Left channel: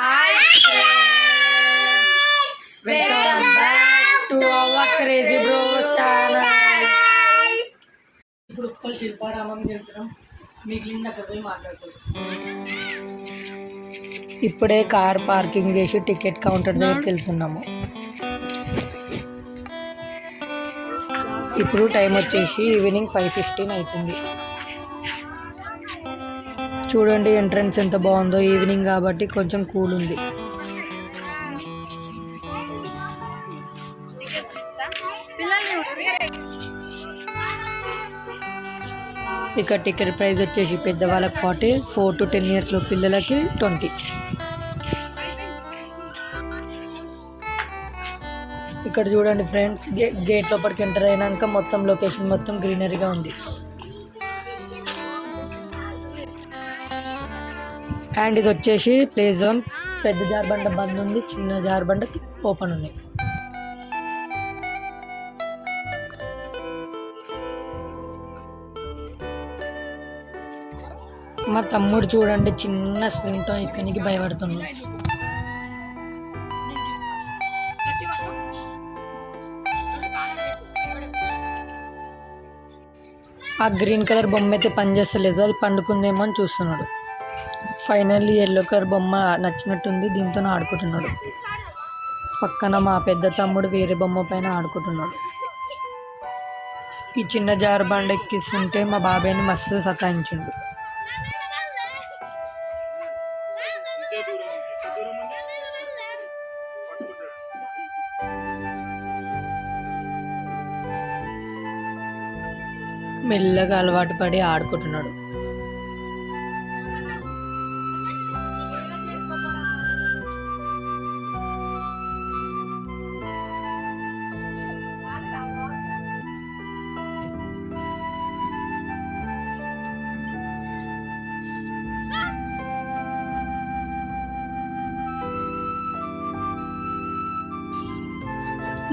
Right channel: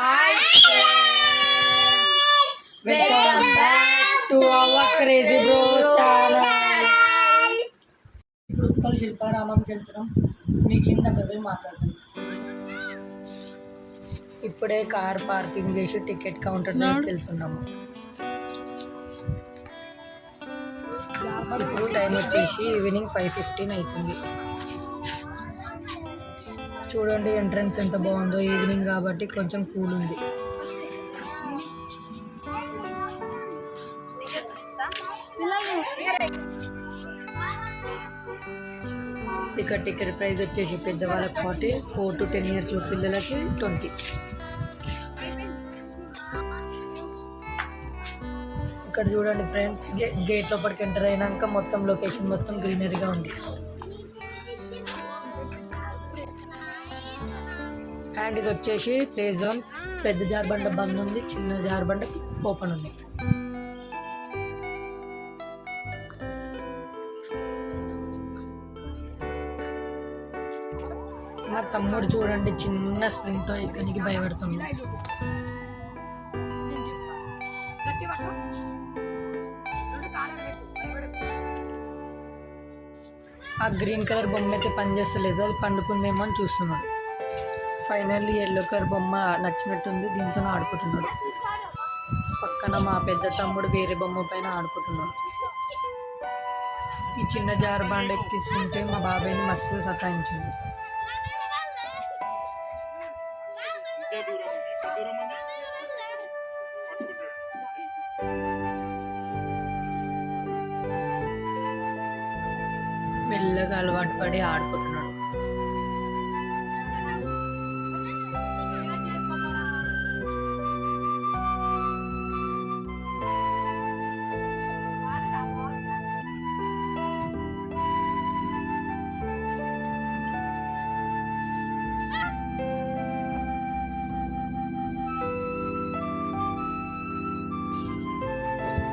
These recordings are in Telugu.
Hi friends, welcome back to our Crazy Bros channel. ఇప్పుడు ఉప్పల్ శిల్పారామంకి వెళ్తున్నాం. మిగిలిన దగ్గర పోయి మాట్లాడుతున్నాం. ఇప్పుడే కార్ పార్కింగ్ చేసి టికెట్ కౌంటర్ దగ్గరికి వెళ్తున్నాము. ఇప్పుడు టైం వచ్చేసి ఈవినింగ్ 5:15 అవుతుంది. చూడండి ఎంట్రన్స్ ఎంత బాగుందో. ఈవినింగ్ కాబట్టి కొంచెం కూల్ ఉంది. ఇక్కడ టికెట్ ప్రైస్ వచ్చేసి పెద్దవాళ్ళకి 40, 4 to 10 years లో పిల్లలకి 20. ఇక్కడ చూడండి ఫ్రెండ్స్, గేట్ లోపలికి ఎంటర్ అయినాక మొత్తం లొకేషన్ మొత్తం గ్రీనరీగా ఉంది. అండ్ ఇది వచ్చేసి ప్లే జోన్. పెద్ద జార్బండ బంద్ ఉంది, చిన్న జార్బండ ఓపెన్ ఉంది. మా తమ్ముడు చూడండి చిన్న స్ప్రింట్ ఎక్కడికి భయపడుతుంది. ఆ గ్రీన్ కలర్ బొమ్మ అయితే పనిచేస్తలేదు, అది పండుకుందేమో అని చూస్తున్నాడు. ఫైనల్లీ ఎల్లో కలర్ బొమ్మ నచ్చినట్టుంది, దీంతో ఆడుకుంటున్నాడు. పక్కన మా పెద్ద తమ్ముడు వేరే బొమ్మ పైన ఆడుకుంటున్నాడు. ఈ చిన్న జారుబండ ఎక్కిస్తుంటే మా బాబాయ్ని మస్తు సతాయించిండు. మెల్లగా అలవాటు పడి ఆడుకుంటున్నాడు.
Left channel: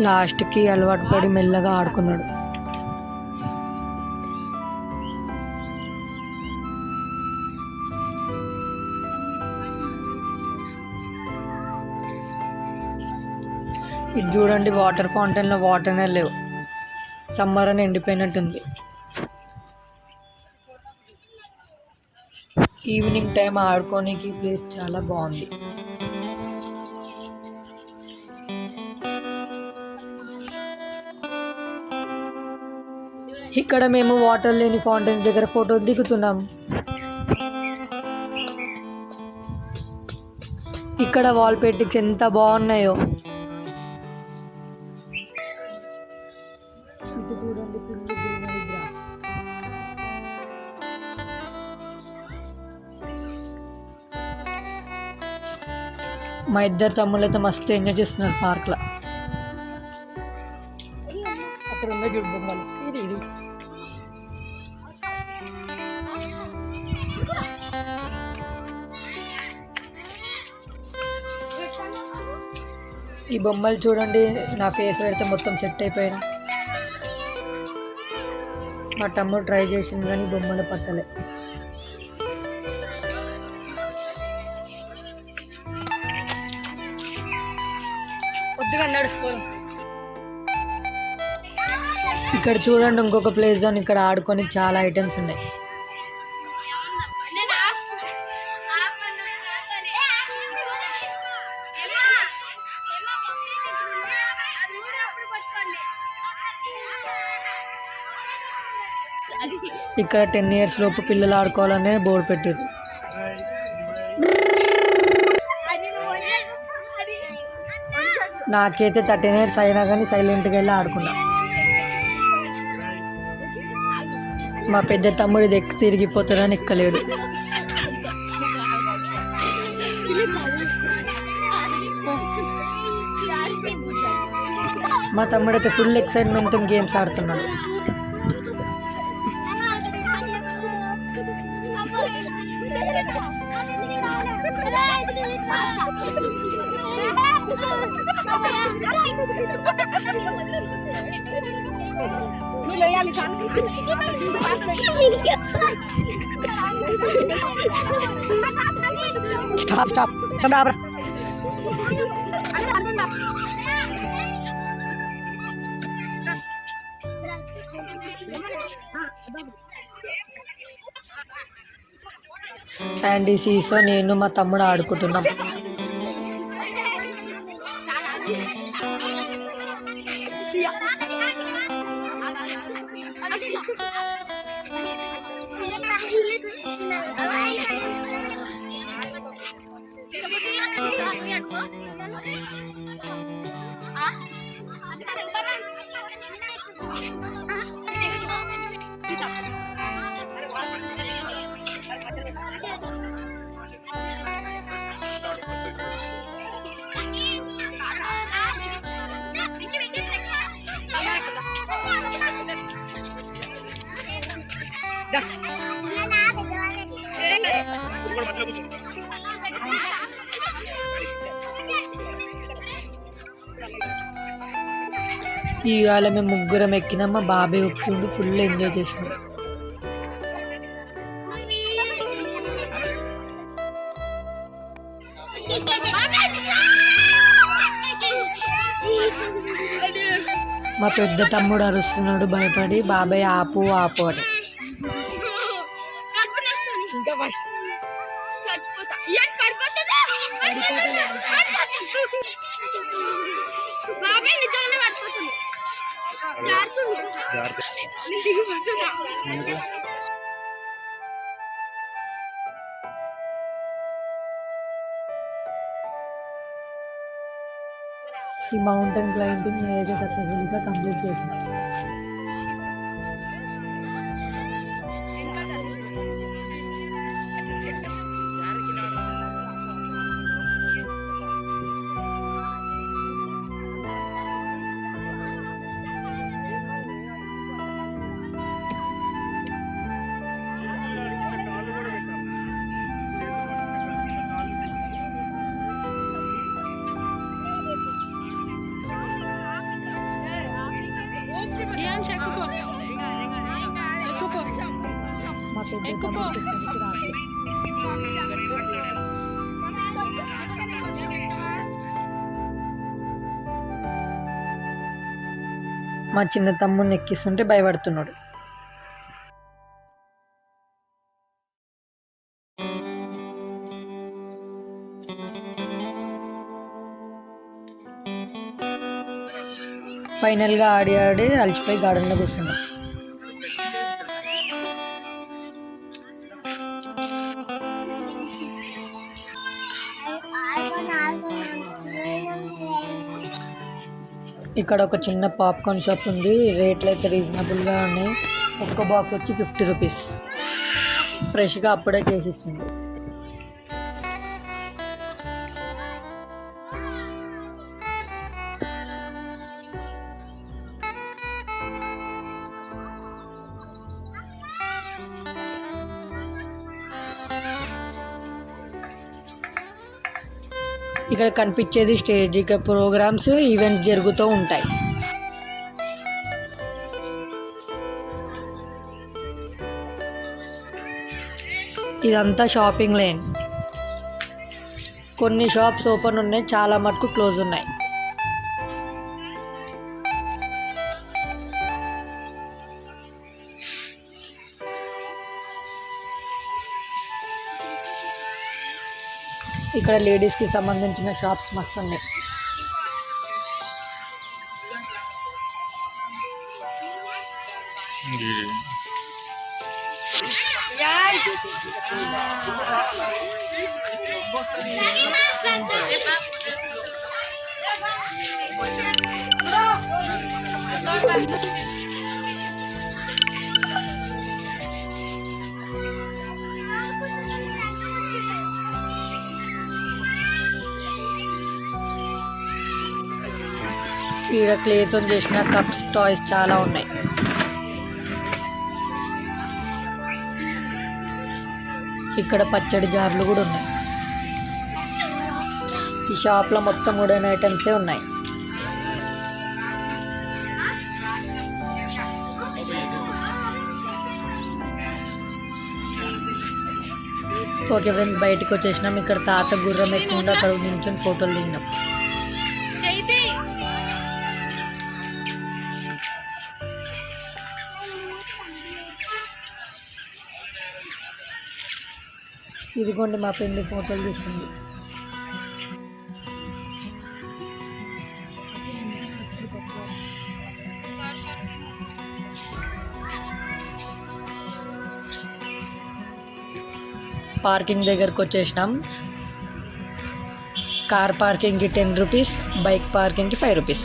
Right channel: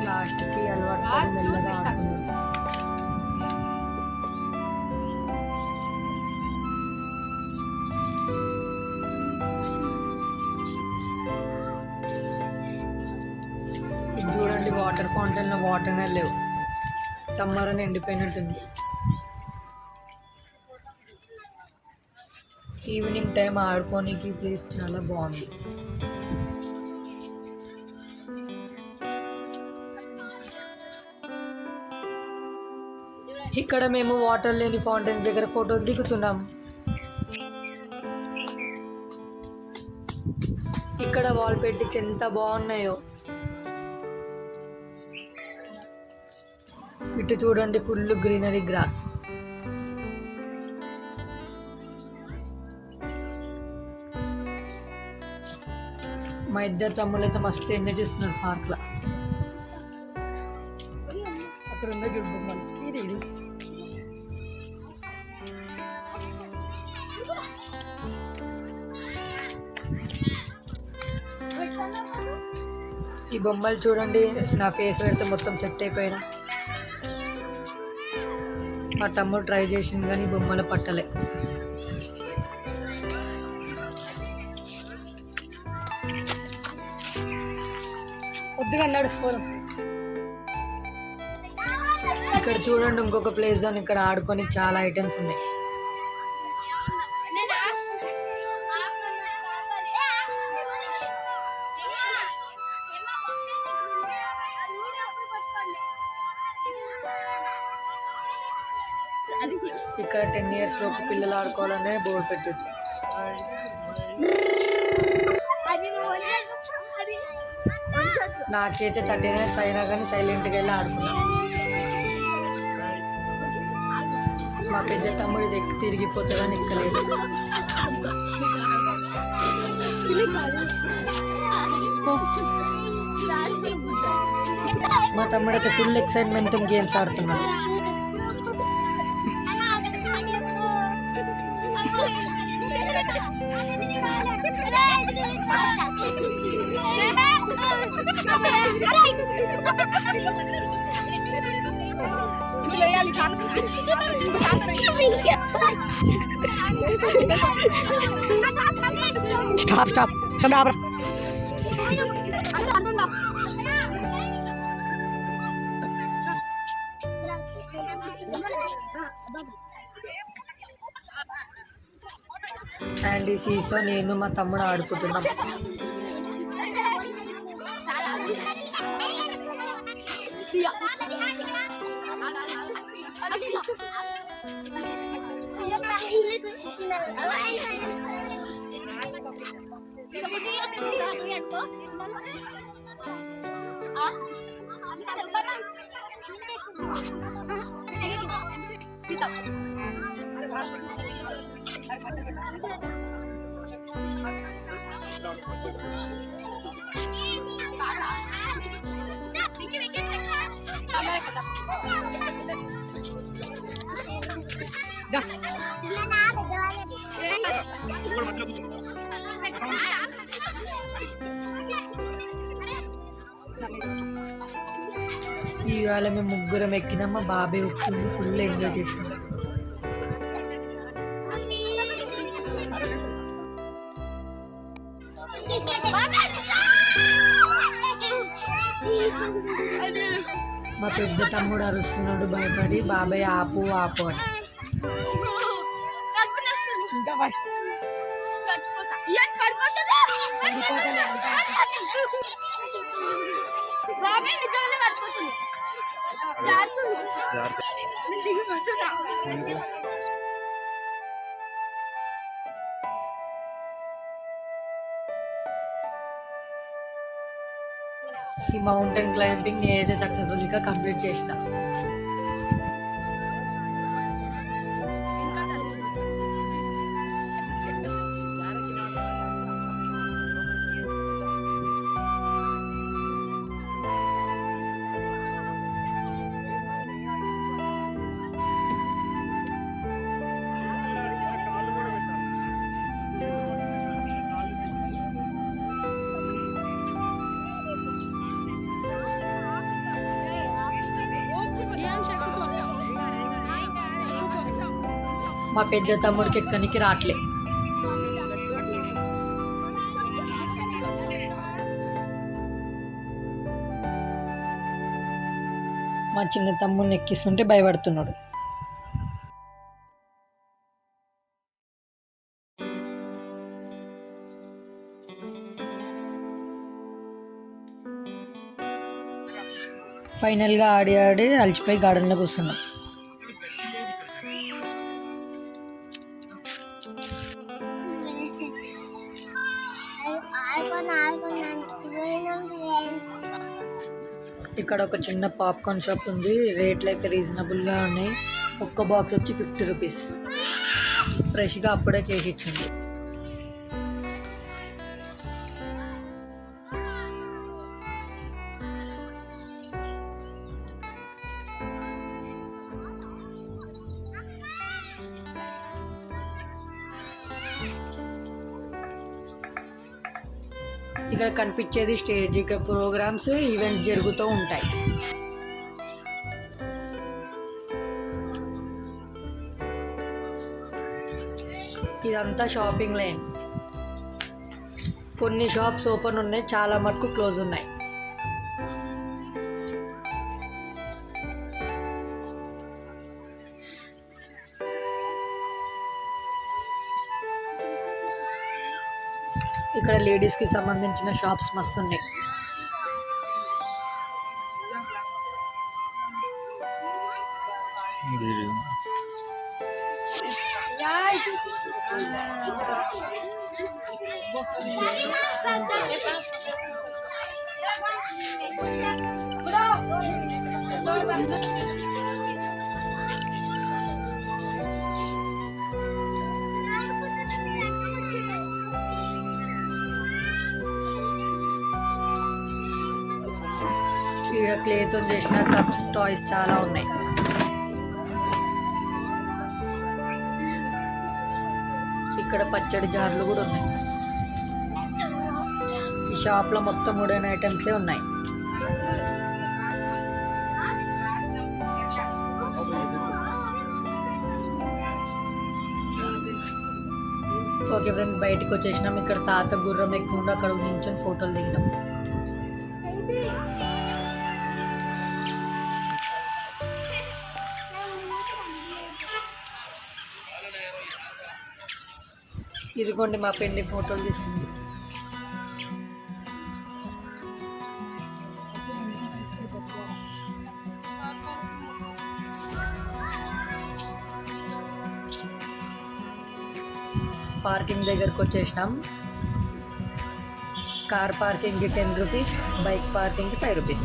లాస్ట్కి అలవాటు పడి మెల్లగా ఆడుకున్నాడు. ఇది చూడండి, వాటర్ ఫౌంటైన్లో వాటర్నే లేవు, సమ్మర్ అని ఎండిపోయినట్టుంది. ఈవినింగ్ టైం ఆడుకోనికి ప్లేస్ చాలా బాగుంది. ఇక్కడ మేము వాటర్ లేని ఫౌంటైన్ దగ్గర ఫోటో దిగుతున్నాం. ఇక్కడ వాల్ పెయింటింగ్స్ ఎంత బాగున్నాయో. ఇటు చూడండి, ఫుల్ గ్రీనరీ గ్రాస్. మా ఇద్దరు తమ్ముళ్ళు అయితే మస్తు ఎంజాయ్ చేస్తున్నారు పార్క్లో. అక్కడ ఉండే చూడండి ఇది. ఈ బొమ్మలు చూడండి, నా ఫేస్ పెడితే మొత్తం సెట్ అయిపోయినా. మా తమ్ముడు ట్రై చేసింది కానీ బొమ్మలు పట్టలే. ఇక్కడ చూడండి ఇంకొక ప్లేస్ జోన్. ఇక్కడ ఆడుకొని చాలా ఐటమ్స్ ఉన్నాయి. ఇక్కడ 10 years లోపు పిల్లలు ఆడుకోవాలనే బోర్డు పెట్టారు. నాకైతే 13 years అయినా కానీ సైలెంట్గా వెళ్ళి ఆడుకున్నా. మా పెద్ద తమ్ముడు ఇది ఎక్కి తిరిగిపోతాడని ఎక్కలేడు. మా తమ్ముడు అయితే ఫుల్ ఎక్సైట్మెంట్తో గేమ్స్ ఆడుతున్నాడు. Stop. అండ్ ఈ సీసో నేను మా తమ్ముడు ఆడుకుంటున్నాం. ఇవాళ మేము ముగ్గురం ఎక్కినాం. మా బాబాయ్ ఒప్పుకుంది, ఫుల్ ఎంజాయ్ చేసినాం. మా పెద్ద తమ్ముడు అరుస్తున్నాడు భయపడి, బాబాయ్ ఆపు ఆపు అని. ఈ మౌంటైన్ క్లైంబింగ్ నేనైతే సక్సెస్ఫుల్గా కంప్లీట్ చేసిన. మా పెద్ద తమ్ముడికి ఎక్కనికి రావట్లే. మా చిన్న తమ్ముడిని ఎక్కిస్తుంటే భయపడుతున్నాడు. ఫైనల్గా ఆడి ఆడి అలసిపోయి గార్డెన్లో కూర్చున్నాం. ఇక్కడ ఒక చిన్న పాప్కార్న్ షాప్ ఉంది. రేట్లు అయితే రీజనబుల్గా ఉన్నాయి. ఒక్క బాక్స్ వచ్చి 50 రూపీస్. ఫ్రెష్గా అప్పుడే చేసి ఇచ్చింది. ఇక్కడ కనిపించేది స్టేజ్. ఇక్కడ ప్రోగ్రామ్స్, ఈవెంట్స్ జరుగుతూ ఉంటాయి. ఇదంతా షాపింగ్ లైన్. కొన్ని షాప్స్ ఓపెన్ ఉన్నాయి, చాలా మటుకు క్లోజ్ ఉన్నాయి. ఇక్కడ లేడీస్కి సంబంధించిన షాప్స్ మస్తు ఉన్నాయి. ఇక్కడ క్లేతో చేసిన కప్స్, టాయ్స్ చాలా ఉన్నాయి. ఇక్కడ పచ్చడి జార్లు కూడా ఉన్నాయి. ఈ షాప్లో మొత్తం వుడెన్ ఐటమ్సే ఉన్నాయి. ఓకే ఫ్రెండ్స్, బయటకు వచ్చేసినాం. ఇక్కడ తాత గుర్రం ఎక్కుండా అక్కడ నించొని ఫోటోలు దిగినాం. ఇదిగోండి మా పెండి ఫోటోలు తీస్తుంది. పార్కింగ్ దగ్గరకు వచ్చేసినాం. కార్ పార్కింగ్కి 10 రూపీస్, బైక్ పార్కింగ్కి 5 రూపీస్.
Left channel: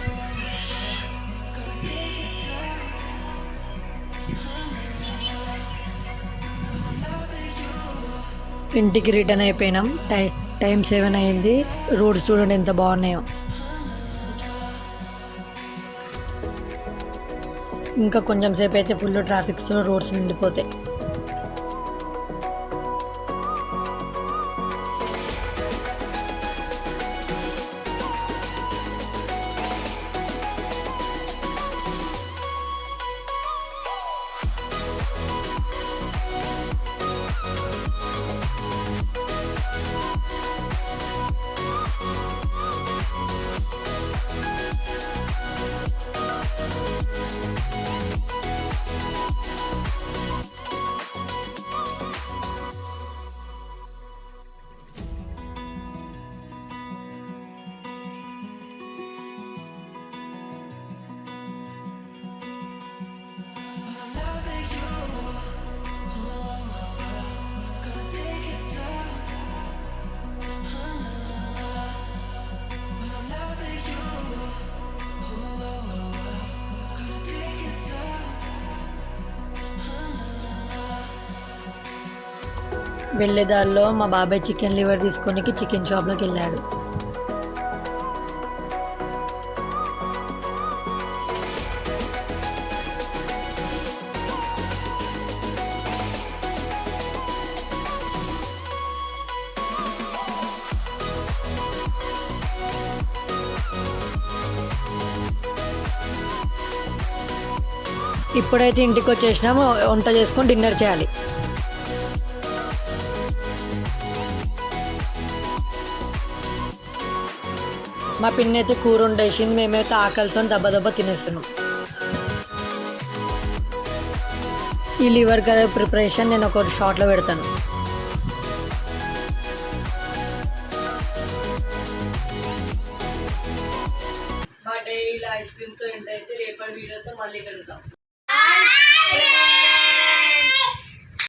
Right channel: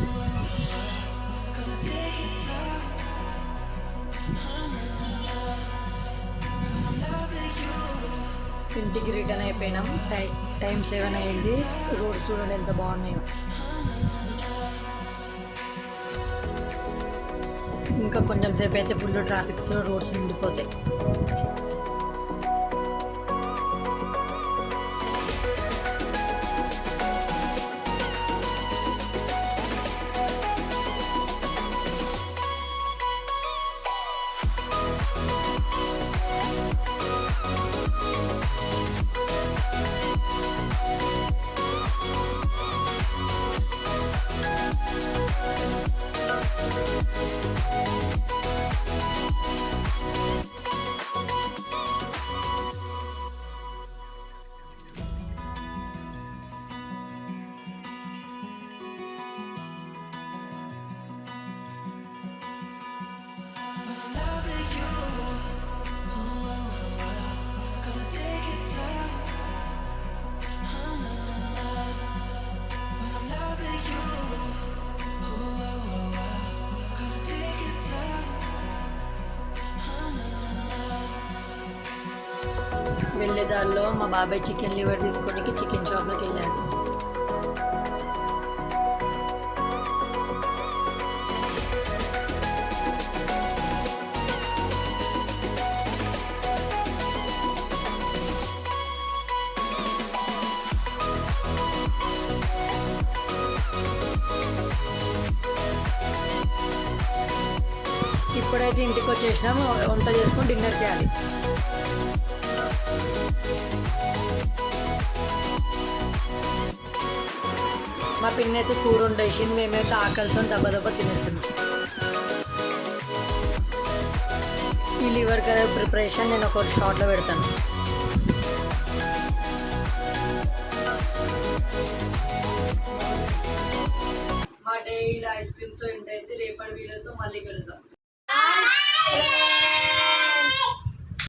ఇంటికి రిటర్న్ అయిపోయినాం. టైం 7 అయింది. రోడ్స్ చూడండి ఎంత బాగున్నాయో. ఇంకా కొంచెం సేపు అయితే ఫుల్ ట్రాఫిక్స్లో రోడ్స్ నిండిపోతాయి. వెళ్ళేదారిలో మా బాబాయ్ చికెన్ లివర్ తీసుకొని చికెన్ షాప్లోకి వెళ్ళాడు. ఇప్పుడైతే ఇంటికి వచ్చేసినాము. వంట చేసుకొని డిన్నర్ చేయాలి. మా పిన్ని అయితే కూర వండేసింది. మేమైతే ఆకలితో దెబ్బ తినేస్తున్నాం. ఈ లివర్ కర్రీ ప్రిపరేషన్ నేను ఒక షార్ట్లో పెడతాను. మా డైలీ ఐస్ క్రీమ్తో ఏంటైతే రేపటి వీడియోతో మళ్ళీ కలుద్దాం.